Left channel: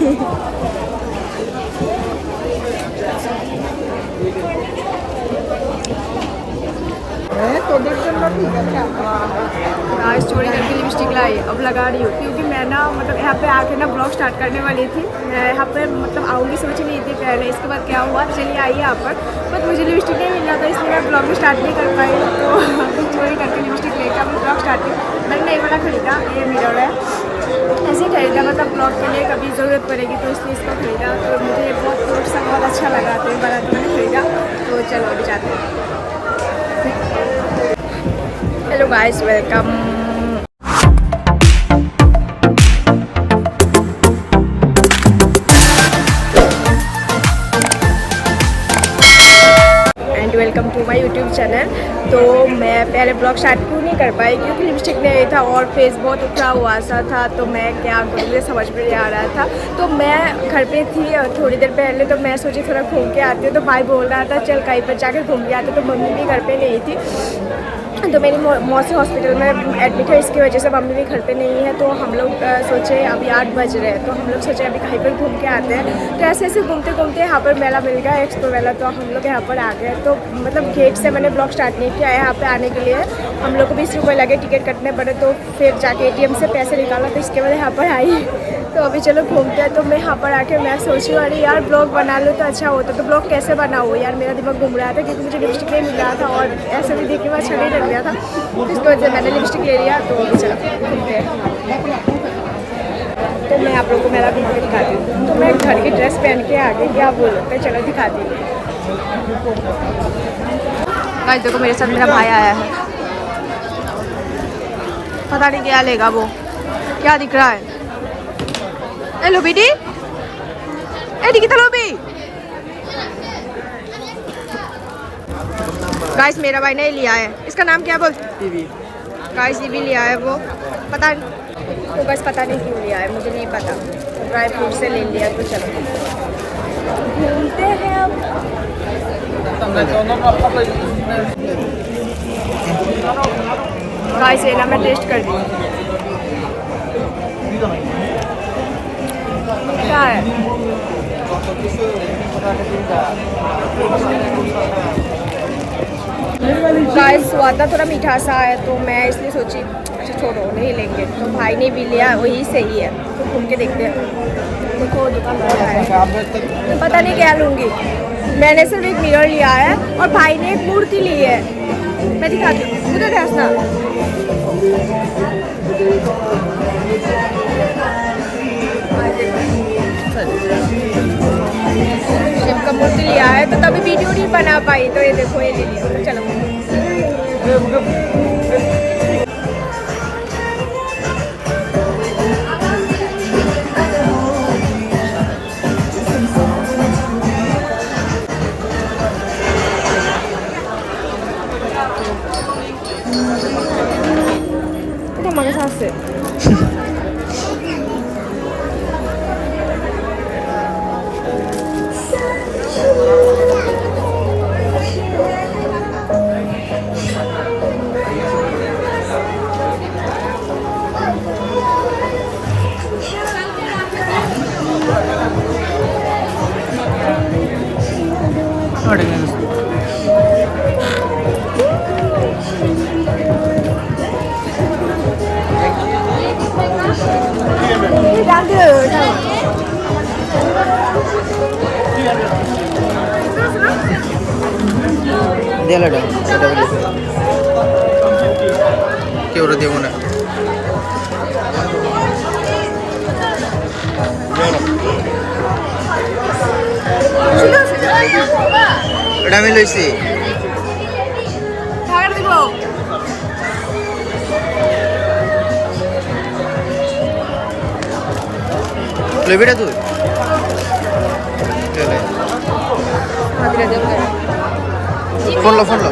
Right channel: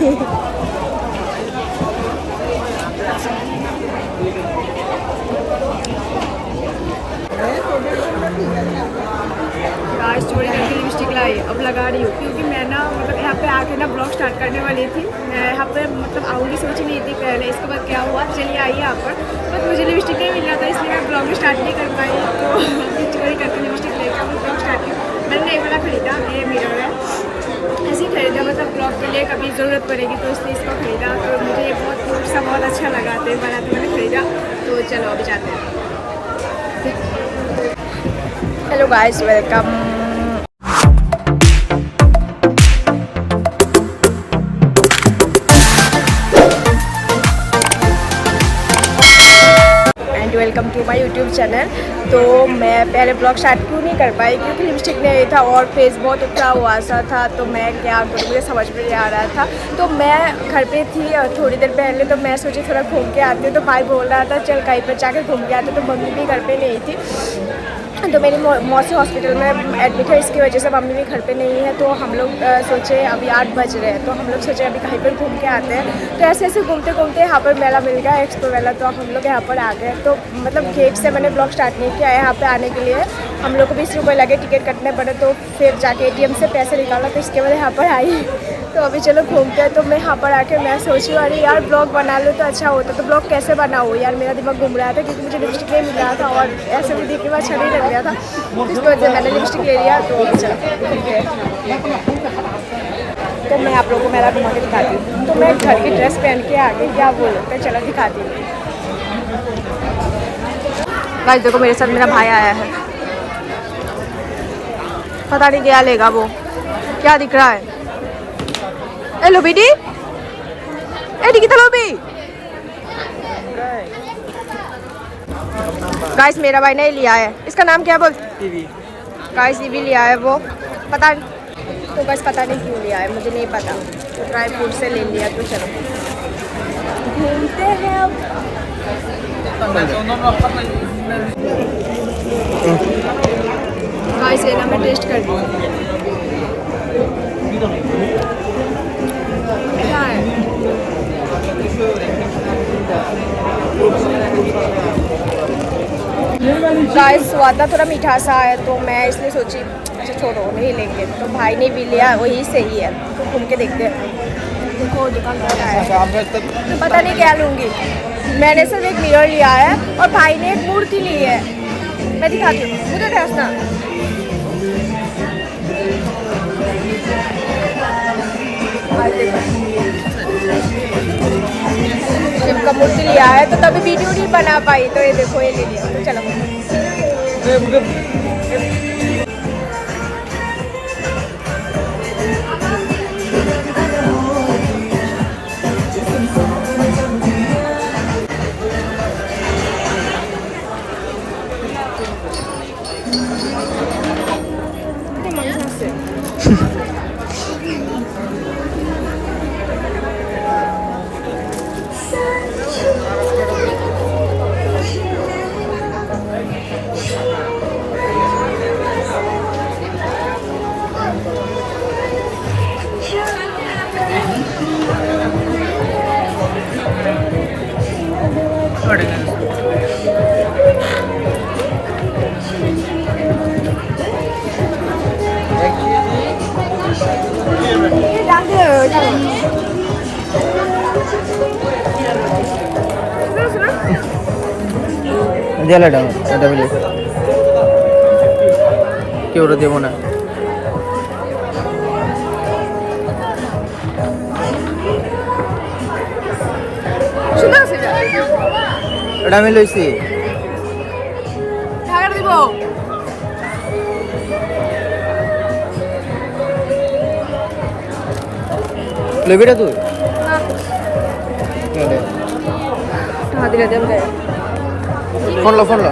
आज चोरी करके लिपस्टिक लाई, अब लगा रही हूँ क्योंकि मैं ना मतलब यहाँ पे आके ना ब्लॉग स्टार्ट करने वाली थी। मैं यहाँ पे मतलब आऊँगी सोच नहीं थी पहले, इसके बाद क्या हुआ चलिए आई यहाँ पर, बट मुझे लिपस्टिक नहीं मिल रहा था इसलिए मैं ब्लॉग स्टार्ट नहीं कर पाई। तो अभी चोरी करके लिपस्टिक लेकर अपनी ब्लॉग स्टार्ट की। मैंने नई वाला खरीदा, ये मिरर है, ऐसे ही खरीदा मतलब ब्लॉग के लिए कभी ज़रूरत पड़ेगी तो इसलिए इसको खरीदा। तो मुझे ये बहुत क्यूट सा बहुत अच्छा लगा तो बड़ा तो मैंने खरीदा। तो चलो अभी जाते हैं। Hello guys, welcome. Welcome to my YouTube channel. तो मैं पहले ब्लॉग स्टार्ट क्यों नहीं कर पाई क्योंकि लिपस्टिक नहीं था और फेस बहुत उठा हुआ सा था। तो मैं क्या करूँ, मुझे समझ में नहीं आ रहा था। तो मैं घर पे थी थोड़ी देर पहले, तो मैं सोची थोड़ा घूम के आती हूँ। तो भाई बोल रहा था चल कहीं पर जाकर घूम के आते। तो मम्मी भी घर पे नहीं थी, तो मेरी मौसी हॉस्पिटल में एडमिट है, इसकी वजह से मम्मी भी घर पे नहीं है। तो हम लोग सोचे अभी 8 बज रहे हैं, तो हम लोग सोचे अभी कहीं पर घूम के आते हैं। तो ऐसे ऐसे घूमते घूमते यहाँ पर मेला मिल गया, एक्सपो मेला। तो हम लोग यहाँ पर आ गए। तो मतलब गेट से मैंने ब्लॉग स्टार्ट नहीं किया, यहाँ पे आने के लिए हम लोग को 20 रुपये लगे, टिकट कटने पड़े। तो फिर जाके ATM से पैसे निकाला, तो इसके बाद यहाँ पर आई। तो अभी चलो घूमते हैं। तो मैं यहाँ पर आके मैं सोची अरे यार ब्लॉग बना लो तो अच्छा होता। तो ब्लॉग कैसे बनाऊँ यार, मेरा दिमाग घूम रहा था क्योंकि मुझे लिपस्टिक नहीं मिल रहा था और ऐसे भी देखने में अच्छा नहीं लग रहा था। तो इसकी वजह से मैंने लिपस्टिक ले लिया। तो अभी चलो घूमते हैं। तो मैं आप लोगों को मेरा घुमा के दिखाती हूँ। तो मैं घर की ड्रेस पहन के आ गई, क्या बोल सकते हैं, चलो दिखाती हूँ। गाइस देखो मेरे साथ मेरा भाई आया है, पता नहीं क्या लेगा वो, क्या दिख रहा है। ए लोबीडी, ए दिखता लोबी। गाइस मेरा भाई ने लिया है, इसका नाम क्या बोल, ईवी। गाइस ईवी लिया है वो, पता नहीं, तो बस पता नहीं क्यों लिया है, मुझे नहीं पता। तो ड्राई फ्रूट से ले लिया। तो चलो घूमते हैं अब। गाइस ये ना मैं टेस्ट कर रही हूँ, क्या है। गाइस स्वाद थोड़ा मीठा सा है, तो मैं इसलिए सोची अच्छा छोड़ो नहीं लेंगे। तो भाई ने भी लिया, वही सही है। तो घूम के देखते हैं। देखो दुकान बहुत आया है, तो पता नहीं क्या लूँगी। मैंने सिर्फ एक मिरर लिया है और भाई ने एक मूर्ति ली है, मैं दिखाती हूँ, मुझे हंसना। शिव का मूर्ति लिया है, तो तभी वीडियो नहीं बना पाई। तो ये देखो ये ले लिया। तो चलो কেউ দেবো না। এটা আমি লইছি। লইবি না তুই? फोन लो फोन लो।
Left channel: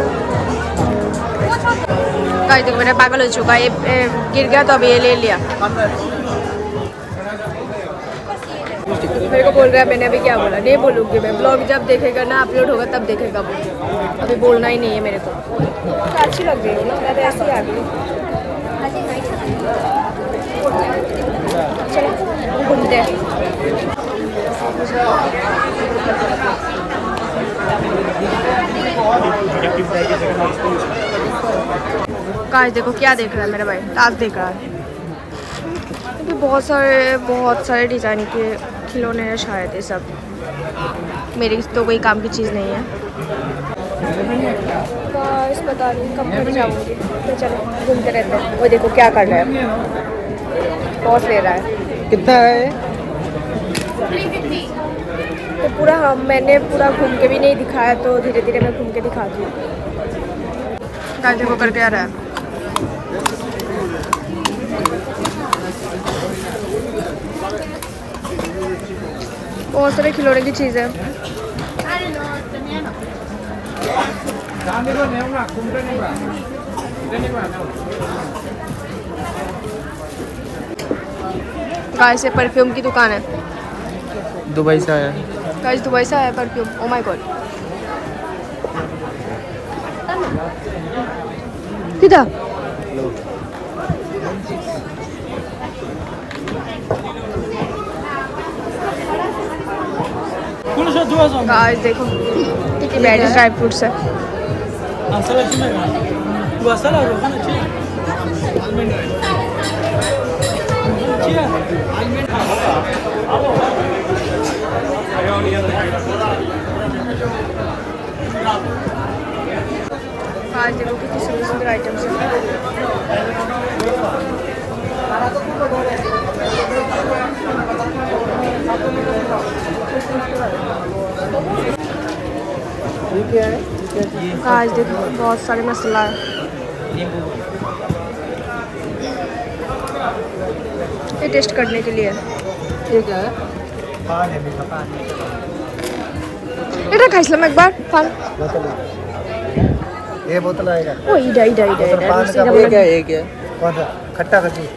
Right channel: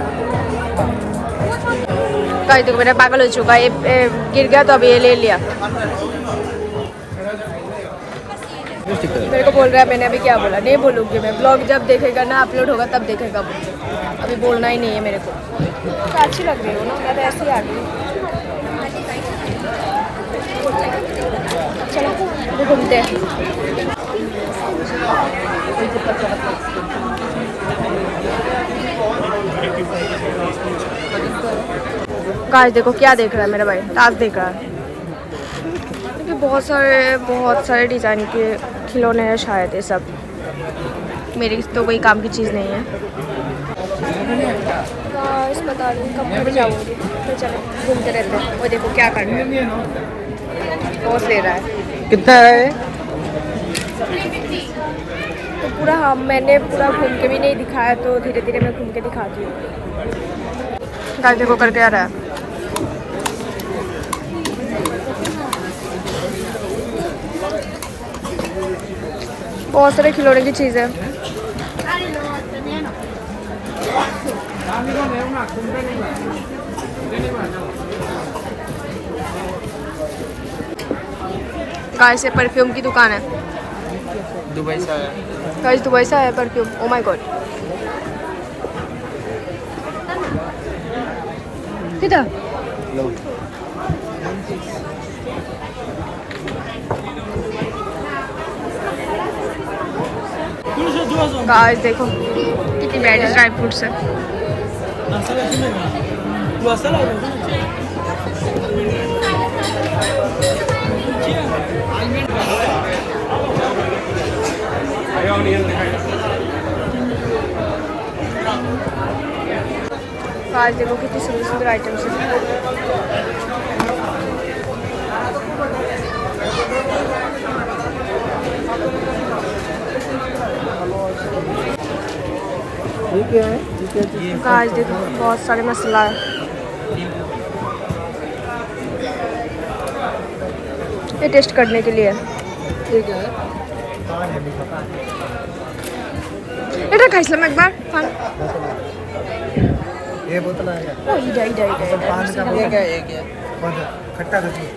गाइस देखो मेरा पागल हो चुका है, ये गिर गया तो अभी ये ले लिया। मेरे को बोल रहा है, मैंने अभी क्या बोला, नहीं बोलूँगी मैं। ब्लॉग जब देखेगा ना अपलोड होगा तब देखेगा वो, अभी बोलना ही नहीं है मेरे को। तो अच्छी लग रही हो ना, मैं तो ऐसे ही आ गई। चलो घूमते हैं। गाइस देखो क्या देख रहा है मेरा भाई, ताश देख रहा है। क्योंकि बहुत सारे डिज़ाइन के खिलौने हैं शायद ये सब। मेरी तो कोई काम की चीज़ नहीं है। गाइस पता नहीं कब खड़ी जाऊंगी, तो चलो घूमते रहते हैं। वो देखो क्या कर रहा है, टॉस ले रहा है। कितना है? तो पूरा मैंने पूरा घूम के भी नहीं दिखाया, तो धीरे धीरे मैं घूम के दिखाती हूँ। गाइस देखो करके आ रहा है। बहुत सारे खिलौने की चीज़ है। गाइस ये परफ्यूम की दुकान है। दुबई से आया। गाइस दुबई से आया परफ्यूम। Oh my God. किधर? गाइस देखो कितनी बैडी ड्राई फ्रूट्स है। गाइस देखो कितनी सुंदर सुंदर आइटम्स है। गाइस देखो बहुत सारे मसाला है। ये टेस्ट करने के लिए ये क्या है? এটা খাইছিলাম একবার পান। ये बोतल आएगा। ओ इडा बोतल पान का। ये क्या है? ये क्या है? कौन सा? खट्टा का चीज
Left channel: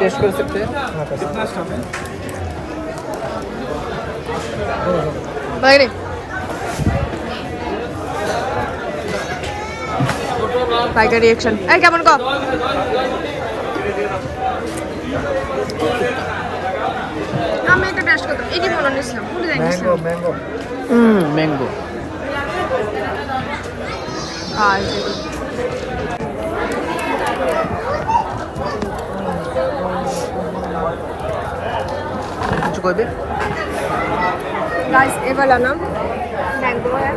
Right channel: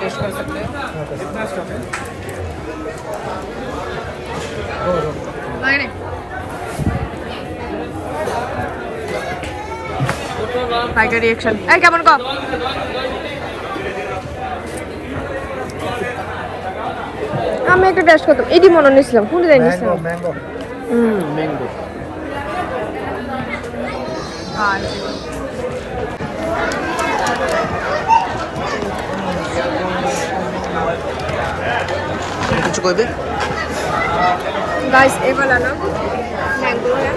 टेस्ट कर सकते हैं? हाँ कर सकते हैं। स्टॉप है। दो বাইরে ভাইটার রিঅ্যাকশন এই কেমন কম। আমি একটা টেস্ট করতাম, এটি মনে নিয়েছিলাম কোনটা জানিয়েছিলাম। Mango mango. আর कुछ कोई भी गाइस ये वाला ना मैंगो है,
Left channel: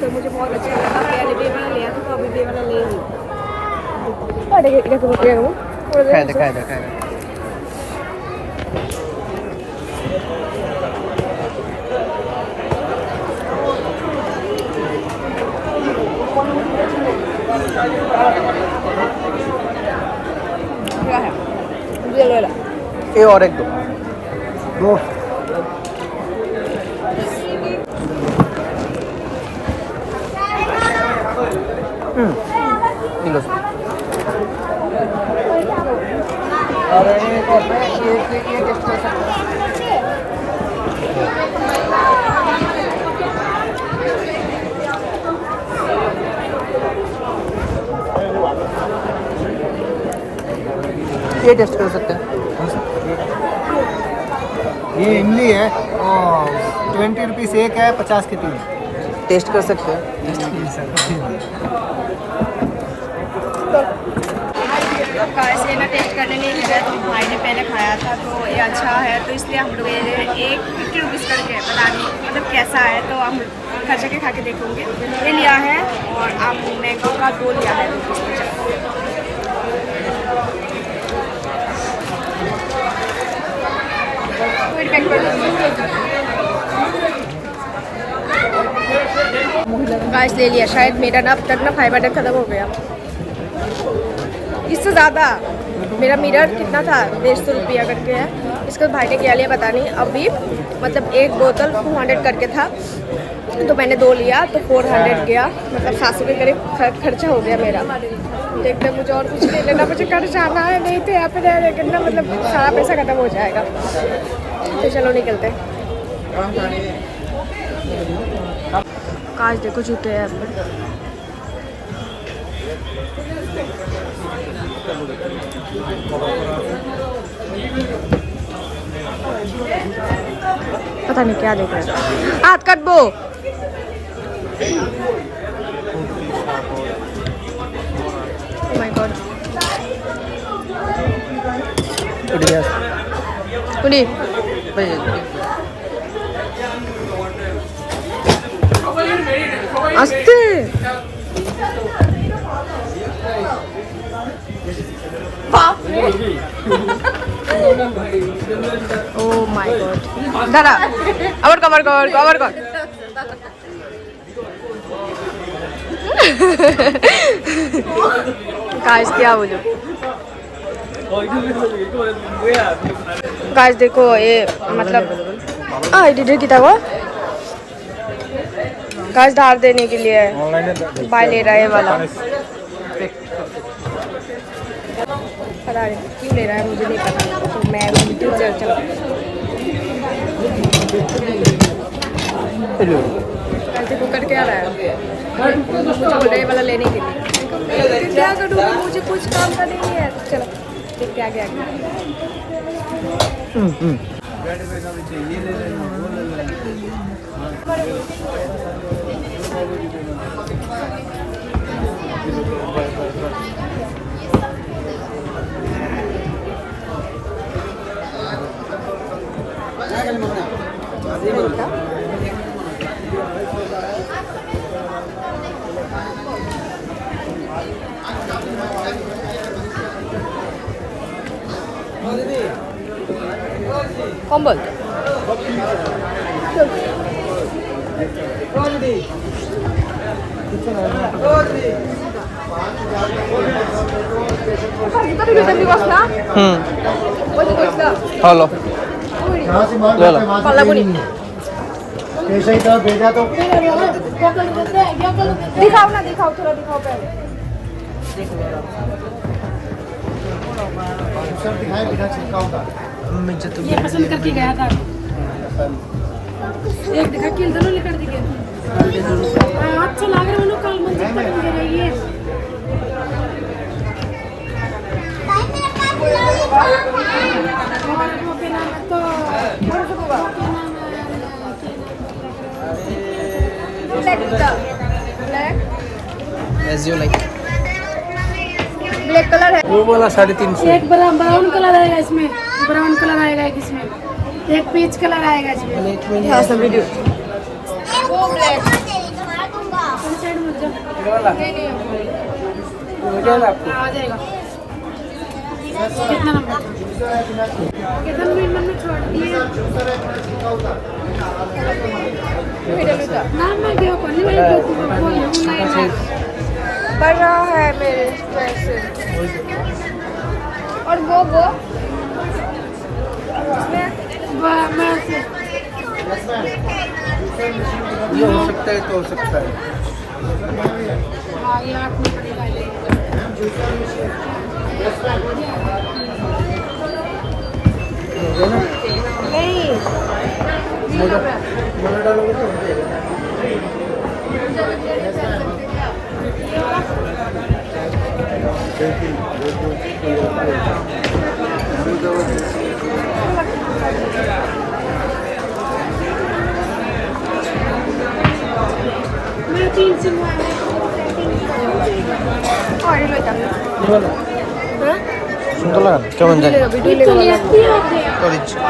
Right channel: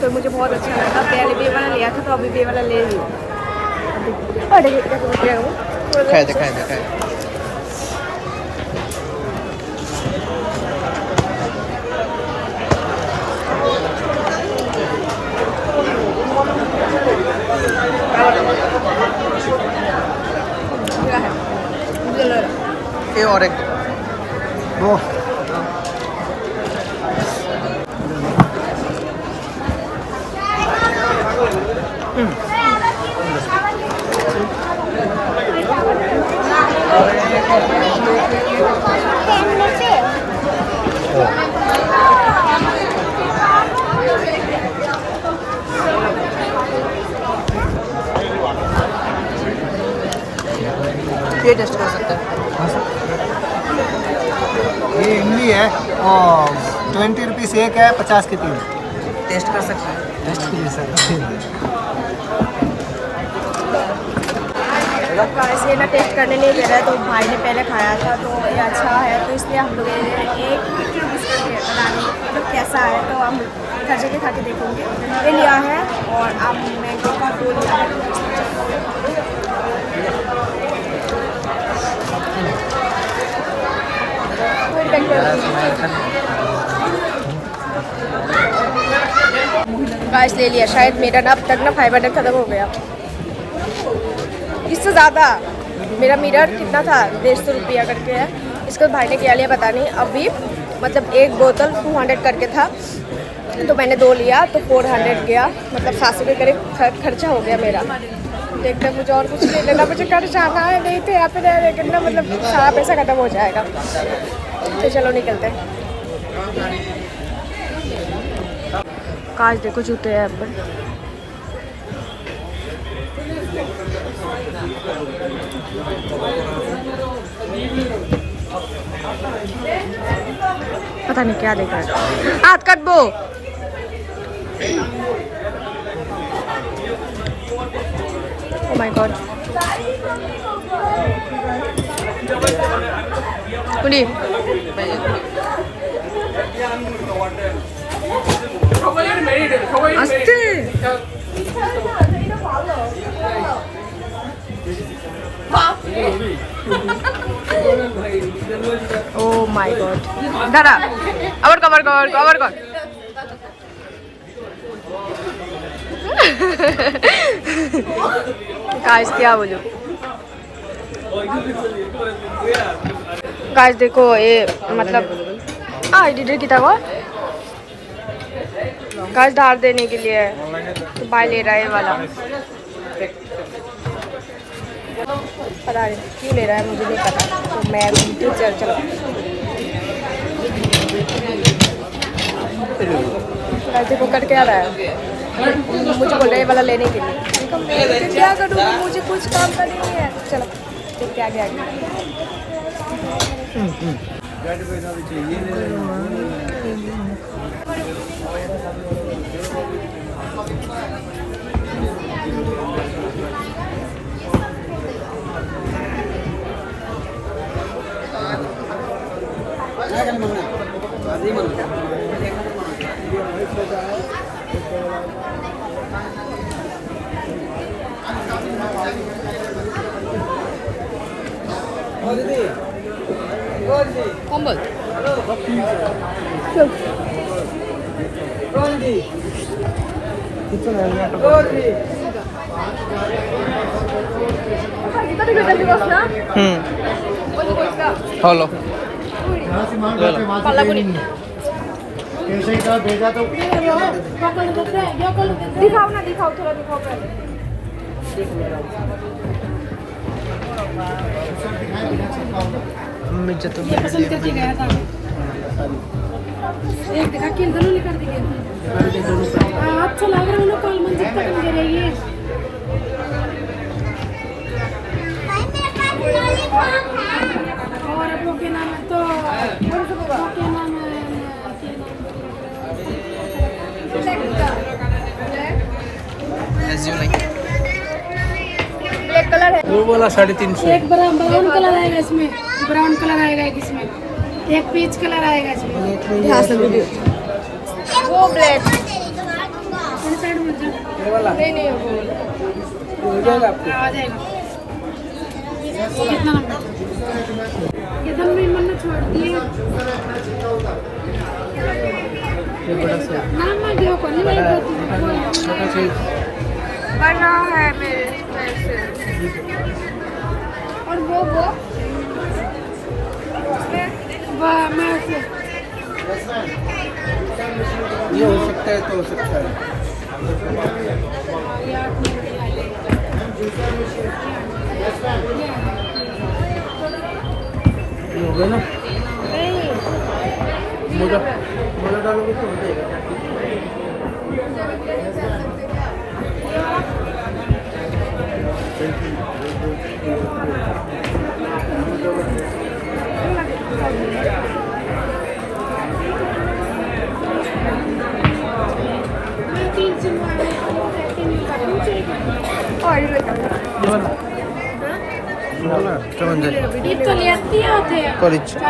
तो मुझे बहुत अच्छा लगा। पहले भी ये वाला लिया था, तो अभी भी ये वाला ले रही हूँ। खाए दे। क्या है ये ले लो। ये और एक दो। ये टेस्ट कर सकते हैं। ये इमली है और 20 रुपीस एक है, 50 के 3। टेस्ट कर सकते हैं। गाइस ये ना टेस्ट करने नहीं दे रहा है, तो भाई ने पहले खाया था तो ये अच्छा है, तो इसलिए हम लोग ये एक 50 रुपीज़ करके पता नहीं मतलब कैसा है, तो हम हर जगह खा के देखेंगे। ये लिया है और आप मैंगो का 2 लिया है 2 पीस। गाइस ले लिया। शायद मेरा ना अब तक ना 500 खत्म हो गया, इससे ज़्यादा। मेरा मिरर कितना था 150 रुपया करके है, इसको भाई ने क्या लिया पता नहीं। अभी मतलब एक बोतल 200 करके था, तो मैंने 2 लिया तो 400 गया, मतलब 700 के करीब खर्चा हो गया मेरा। देखते हैं मुझे और कुछ नहीं लेना, मुझे घर जाना है, नहीं तो यहाँ पे रह करना मतलब सारा पैसा ख़त्म हो जाएगा। तो चलो निकलते हैं। काश देखो जूते हैं पर। पता नहीं क्या देख रहे हैं। हाथ कट बो। माय गॉड पनीर आस्ते ও মাই গড দাদা আবার কভার কর गाइस क्या बोलूं गाइस देखो ये मतलब एडिटर की था गाइस धार देने के लिए बाय ले रहा है वाला पता नहीं क्यों ले रहा है मुझे नहीं पता तो मैं यूट्यूब से चलो देखो करके आ रहा है मुझे बोल रहे वाला लेने के लिए मैं क्या करूँगी मुझे कुछ काम का नहीं है चलो देखते आगे कौन बोलते हेलो यहाँ से माल वहाँ से ट्रेनिंग नहीं ऐसा ही था भेजा तो दिखाओ ना दिखाओ थोड़ा दिखाओ सर दिखाए बिना छिड़का होगा ये पसंद करके गया था एक देखा कि दोनों लेकर दिए अच्छा लग रहा है लोग कल मंदिर तक ले रही है और वो के नाम तो क्या नाम है ब्लैक का black as you like black colour है वो वाला 350 एक ब्राउन कलर आएगा इसमें ब्राउन कलर आएगा एक इसमें एक पीच कलर आएगा इसमें हाँ सब वीडियो साइड में जाओ ये वाला नहीं हो जाएगा आपको आ जाएगा कितना नंबर कितना मन में छोड़ दिए नाम मैं देखो कौन नहीं मैं बोलती बढ़ रहा है मेरे पैसे और वो मैं से ये हो सकता है तो हो सकता है ये 8 नंबर का नहीं मगर डालोगे तो हो जाएगा मैं 3 से और ये लो इतना सुंदर लगा चमन जाए तो लेती होती है तो इच्छा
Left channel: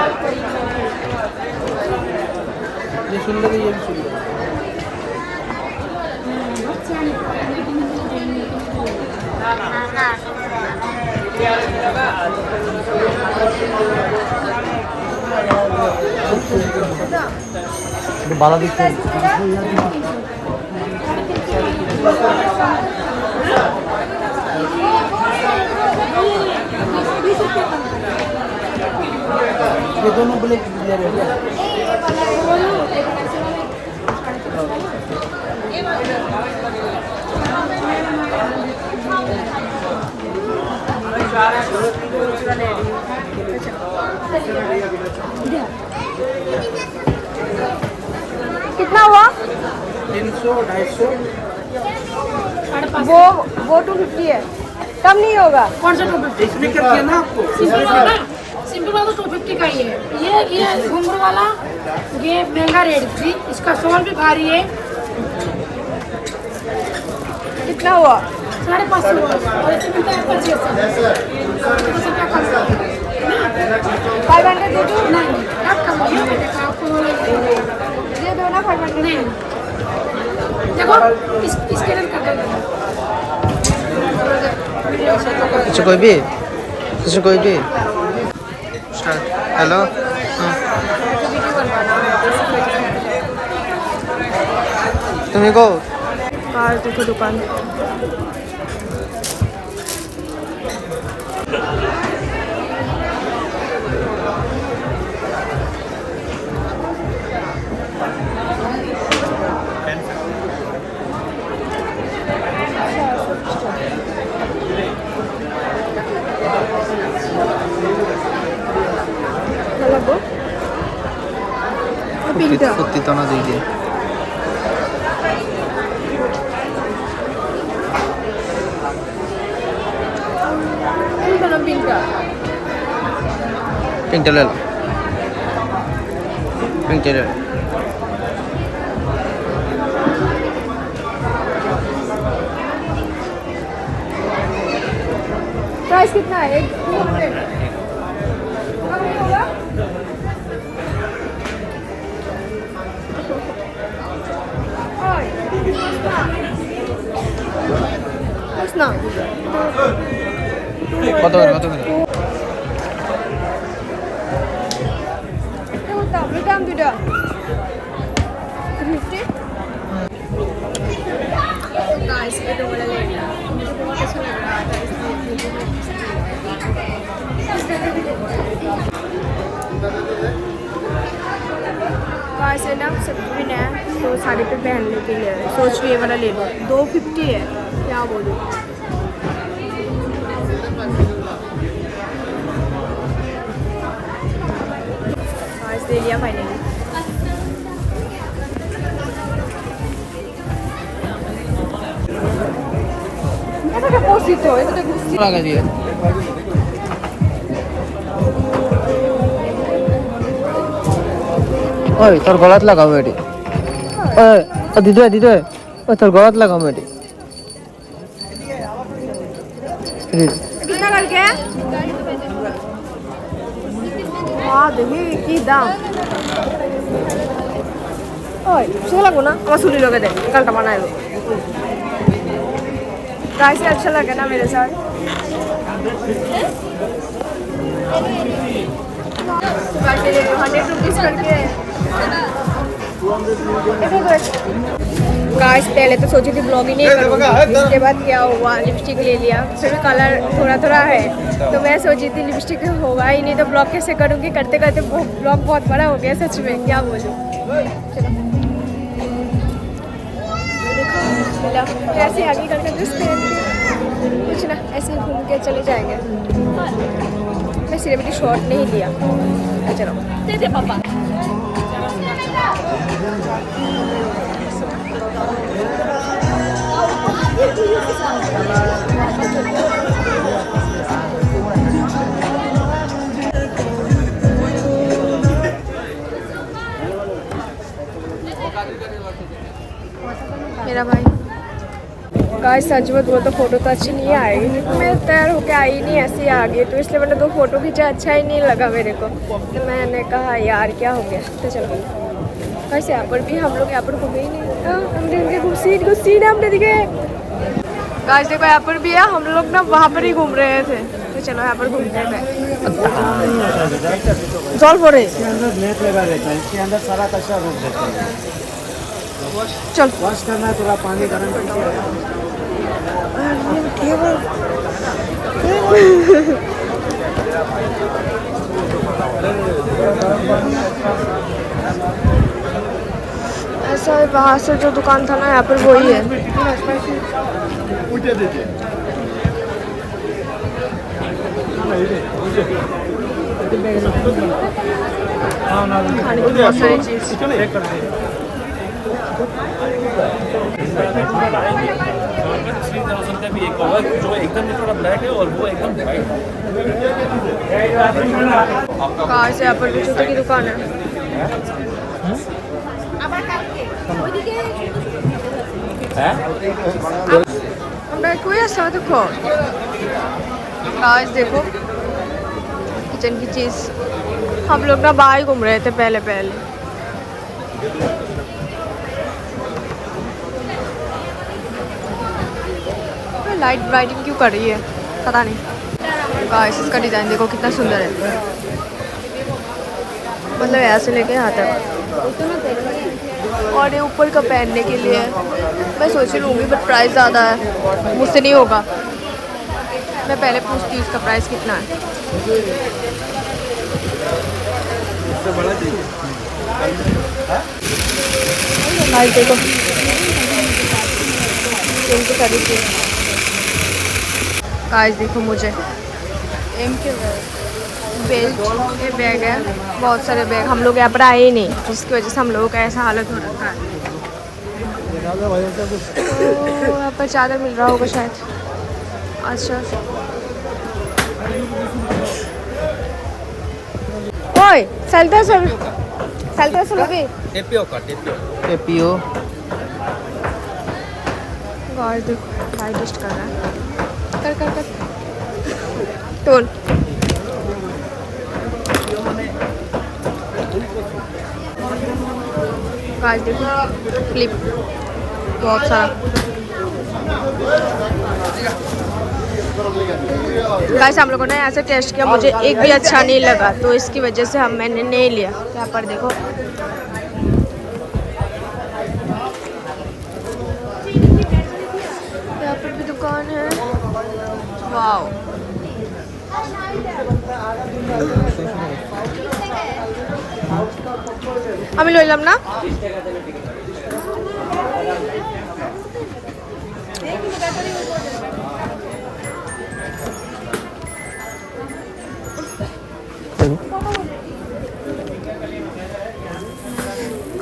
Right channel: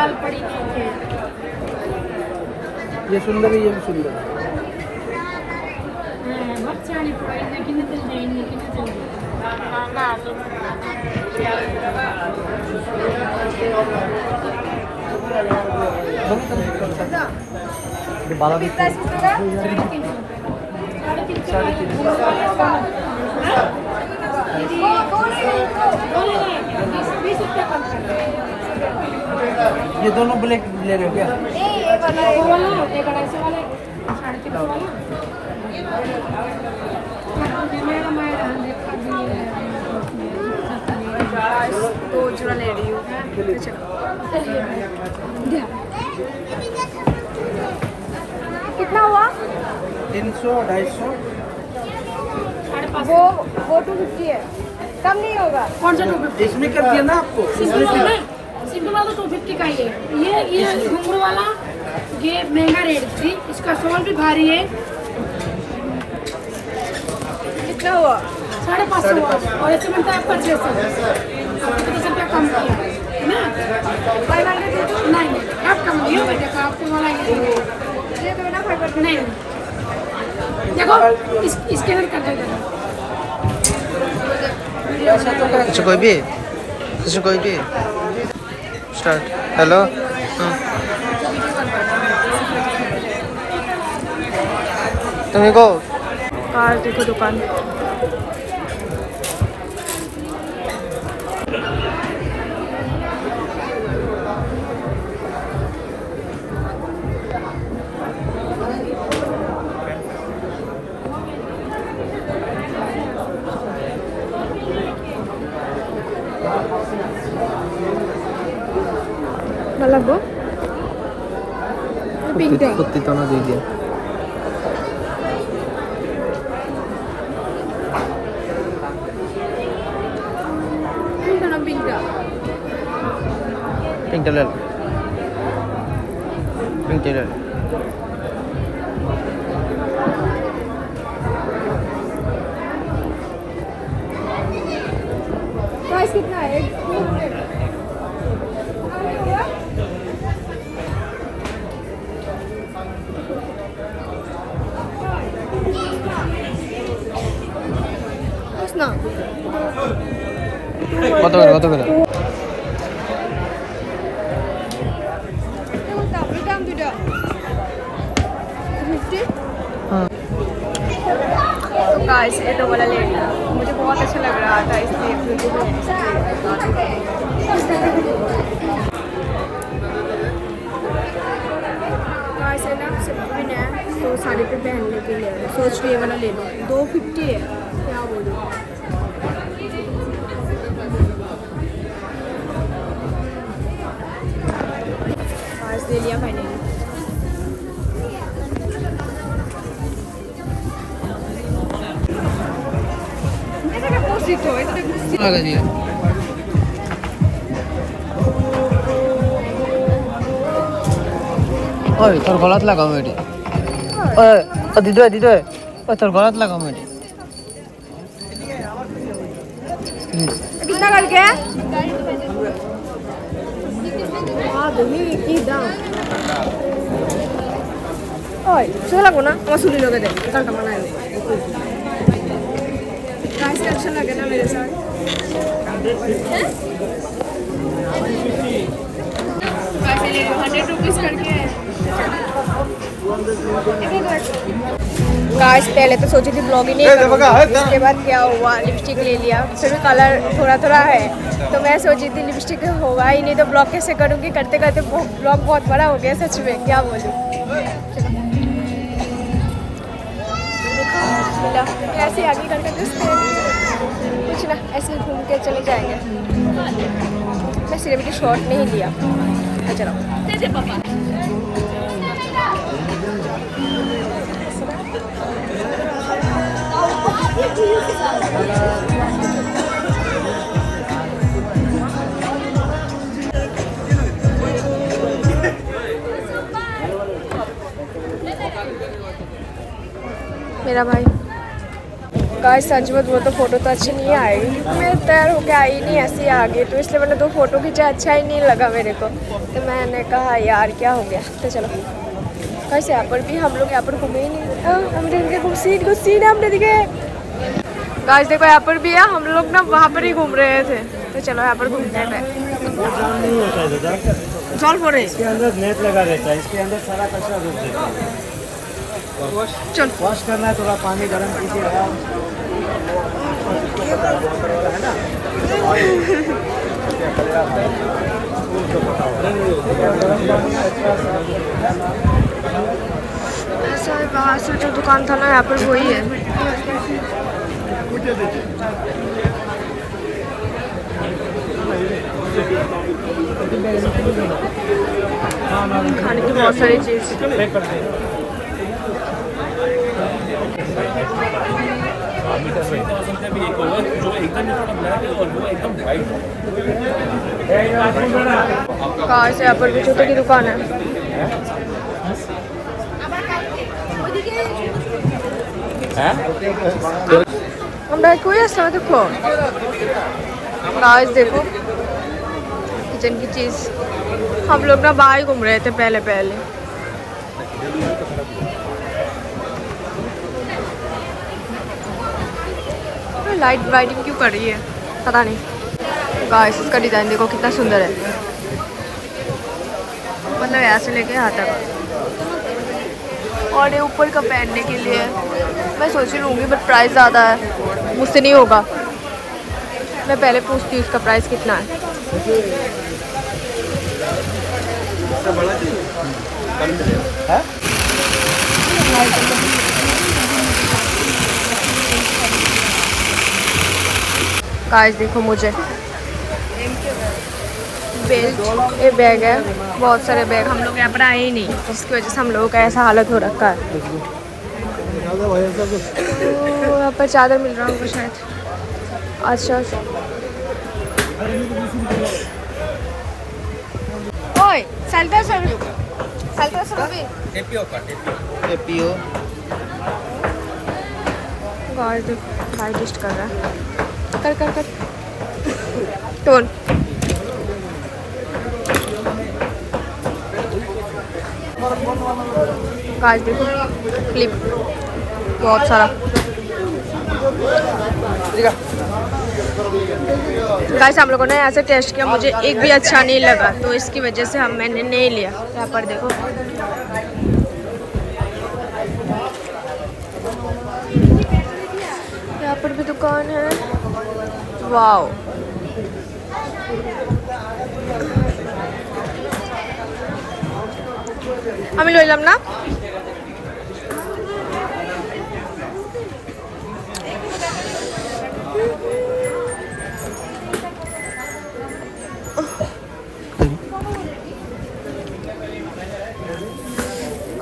ये सुंदर है ये भी सुंदर बाला कितना कितना ये दोनों ब्लैक ले रहे हो क्या ये वाला दो चूड़ा ले रही हूँ कितना हुआ 300 250 वो 250 है कम नहीं होगा कौन सा 250 इसमें क्या किया ना आपको सिंपल वाला 250 का ही है ये घुंघरू वाला ये महंगा रेट थी इसका सोल भी भारी है कितना हुआ 550 और ऐसे मिलता है 2500 कम नहीं आप कम नहीं देखो आपको वाला ये दो ना नहीं देखो इसके लिए कर दो कुछ कोई भी स्टार्ट हेलो तुम्हें को कार देखो दुकान ফুটি তো না দুই দিয়ে पिंक ले लो पिंक ले लो प्राइस कितना है 200 होगा ना কত করে দাম দুটো 50 तो गाइस ये तो वाला ले लिया मुझे बहुत अच्छा लग रहा था इसलिए गाइस है ना सब भी ना तो साड़ी पे पहनने के लिए सोच रही ये वाला ले लो 250 है क्या बोलूँ गाइस ले लिया फाइनली এটা কে পসিত এটা গুছি লাগা দিয়ে ওই তোর গলাত লাগাও এটি দিদা তোর গলাত লাগাও এটি कितना करके वाह देखिए की दाम ओए सुन लगो ना আমার চুলি লগে দে কালটা বানাই লো कैसे अच्छा लगा ना मेरे साथ तो कैसे ले लो 100 रुपीस करके गाइस पहले तो सोची थी ब्लॉग ही नहीं करूँगी इसके बाद क्या हुआ लिपस्टिक ले लिया फिर भी कलर थोड़ा थोड़ा है तो मैं सोची थी लिपस्टिक होगा ही नहीं तो ब्लॉग कैसे करूँगी करते करते ब्लॉग बहुत बड़ा हो गया सच में क्या बोलूँ चलो देखो मिला कैसे आगे करके ड्रेस पहन के कुछ ना ऐसे घूम के चले जाएंगे मैं सेलिब्रिटी शॉट नहीं लिया चलो मेरा भाई गाइस सच में वो तो फोटो तो अच्छी नहीं आएगी क्योंकि मैं तैयार होके आई नहीं ऐसे ही आ गई तो इसलिए मैंने 2 फोटो खींचा अच्छा ही नहीं लगा मेरे को तो मैंने कहा यार क्या हो गया तो चलो गाइस यहाँ पर भी हम लोग यहाँ पर घूमे ही नहीं हमने सीट हमने दिखे गाइस देखो यहाँ पर भी है हम लोग ना वहाँ पर ही घूम रहे थे तो चलो यहाँ पर घूमते थे जल पड़े इसके अंदर नेट लगा रहता है इसके अंदर सारा कचरा रोक देता है चल वॉश करना है थोड़ा पानी गर्म करके ऐसा है बाहर से जो दुकान था ना यहाँ पर वही है खाने की बहुत सारी चीज जो एकदम थोड़ा ब्लैक है और वो एकदम वाइट कार से यहाँ पर भी जूते की दुकान है আমরা कोई ऐसा देखो गाइस देखो किचन की चीज हम लोग ना बाहर घूम रहे थे पहले लाइट ब्राइटिंग क्यों कर रही है पता नहीं। गाइस इसका डिजाइन देखो कितना सुंदर है, मतलब ऐसे लेके यहाँ तक, और ये ऊपर का पहनने के लिए मैं सोच लूँगी बट प्राइस ज़्यादा है, मुझसे नहीं होगा। मैं पहले पूछती हूँ इसका प्राइस कितना है। गाइस देखो मुझे बेल्ट, ये बैग है, बहुत सारे बैग, हम लोग यहाँ पर आए ही नहीं जिसकी वजह से हम लोगों का ऐसा हालत हो रखा है। तो यहाँ पर चादर मिल रहा होगा शायद। अच्छा ओए चलते टेपियो गाइस देखो भाई टेस्ट कर रहा है, कर टोल। गाइस देखो क्लिप बहुत सारा। गाइस हम लोगों ने ऐसे टेस्ट किया, मुझे एक भी अच्छा नहीं लगा तो इसकी वजह से मैंने नहीं लिया। यहाँ पर देखो यहाँ पर भी दुकान है, वाओ। আমি লইলাম না।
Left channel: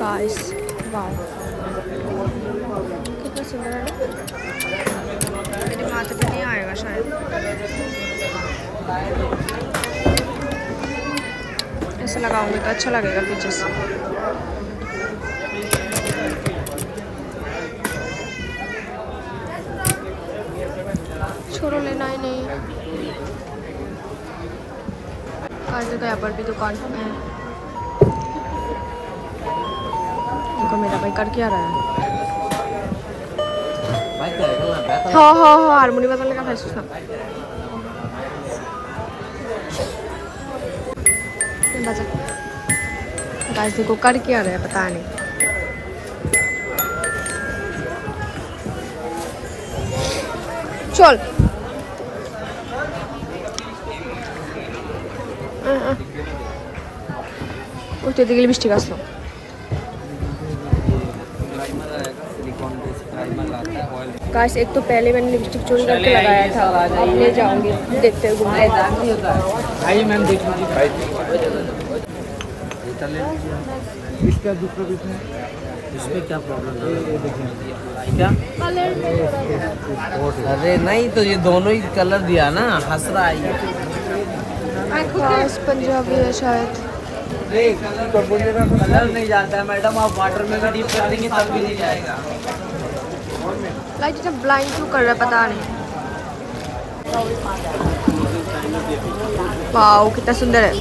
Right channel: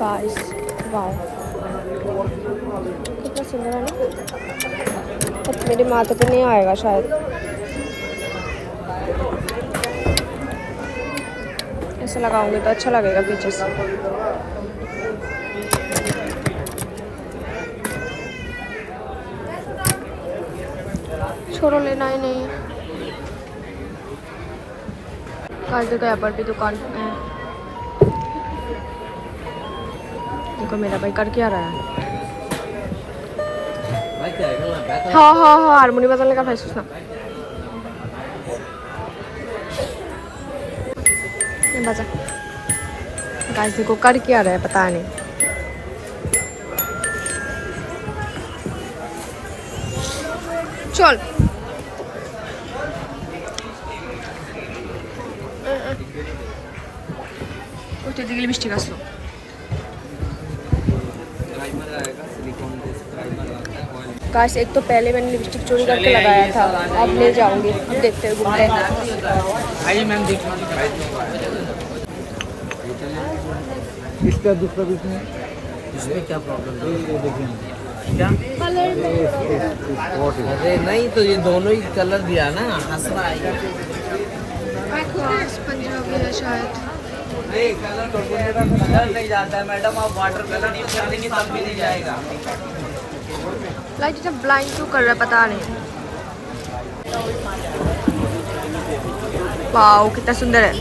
गाइस वाओ कितना सुंदर है ना, मेरे माथे पे नहीं आएगा शायद, ऐसे लगाऊंगी तो अच्छा लगेगा पीछे से। छोड़ो लेना ही नहीं। काजू का यहाँ पर भी दुकान है। देखो मेरा भाई कर क्या रहा है। हाँ हारमोनी बजाने का फैसला ना बजा। गाइस देखो कर क्या रहा है पता नहीं। चल कुछ तो दिखली मिस्टेक आसलो। गाइस एक तो पहले मैंने लिपस्टिक चोरी करके लगाया था, अब ले जाऊंगी, देखते हैं घूमते हैं। इसका दूसरा इसमें इसमें क्या प्रॉब्लम है? ये देखिए क्या? अरे नहीं तो ये दोनों ही कलर दिया ना, हंस रहा है। पंजाबी है शायद। नहीं कलर नहीं जाता मैडम, आप वाटर में भी डीप कर देंगे तब भी नहीं जाएगा। लाइट इतना ब्लाइंड क्यों कर रहा है पता नहीं। वाओ कितना सुंदर है।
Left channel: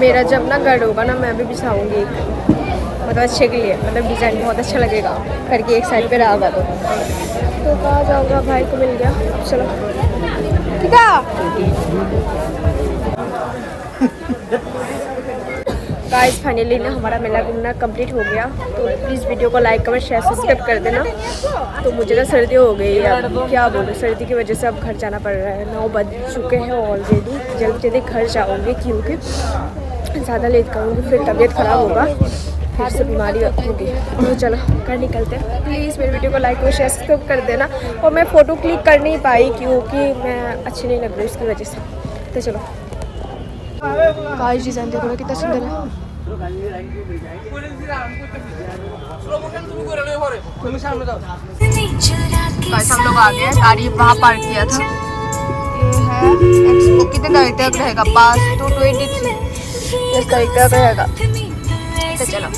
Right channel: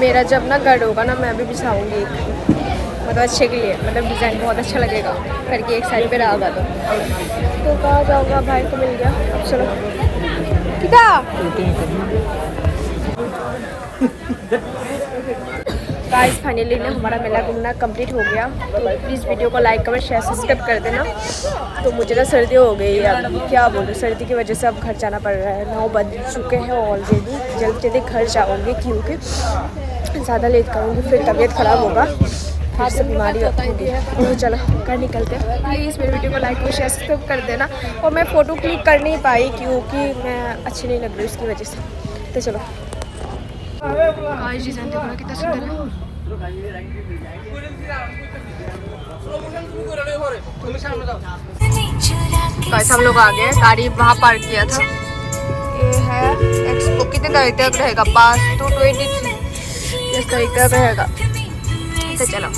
मेरा जब ना गढ़ होगा ना मैं भी बिछाऊंगी, मतलब अच्छे के लिए, मतलब डिज़ाइन बहुत अच्छा लगेगा करके एक साइड पे रहेगा। तो कहाँ जाऊँगा, भाई को मिल गया। अब चलो क्या गाइस फाइनली ना हमारा मेला घूमना कंप्लीट हो गया। तो प्लीज़ वीडियो को लाइक कमेंट शेयर सब्सक्राइब कर देना। तो मुझे ना सर्दी हो गई है, अब क्या बोलूँ, सर्दी की वजह से अब घर जाना पड़ रहा है। 9 बज चुके हैं ऑलरेडी, जल्दी जल्दी घर जाऊँगी क्योंकि ज़्यादा लेट करूँगी फिर तबीयत ख़राब होगा, फिर से बीमारी होगी। तो चलो घर निकलते हैं। प्लीज़ मेरे वीडियो को लाइक और शेयर सब्सक्राइब कर देना। और मैं फ़ोटो क्लिक कर नहीं पाई क्योंकि मैं अच्छी नहीं लग रही इसकी वजह से। तो चलो गाइस डिज़ाइन देखो ना कितना सुंदर है। गाइस हम लोग आ गए, गाड़ी वहाँ पार्क किया था। ये है एक्सपो, कितने तारीख तक रहेगा? 5 to 23 इस तारीख तक रहेगा। तो चलो